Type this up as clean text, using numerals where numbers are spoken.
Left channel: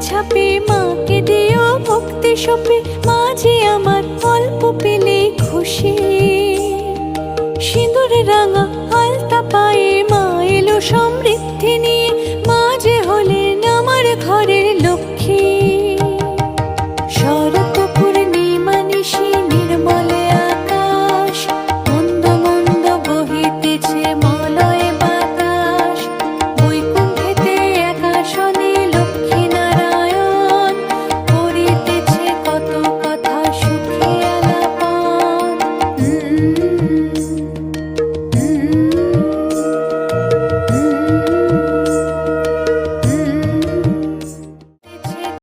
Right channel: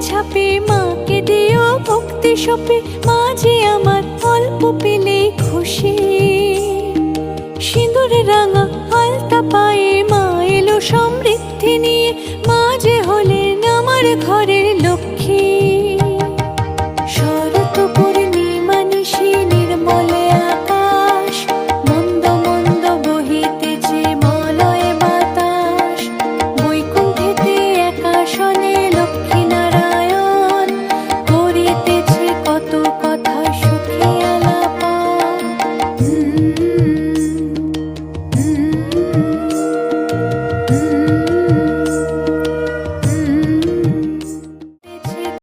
ছাপে মাকে দিও ভক্তি সপে, মা যে আমার অল্প পেলে খুশি। সিঁদুরে রাঙা আলতা পায়ে মা এলো সমৃদ্ধি নিয়ে, মা যে হলেন আমার ঘরের লক্ষ্মী।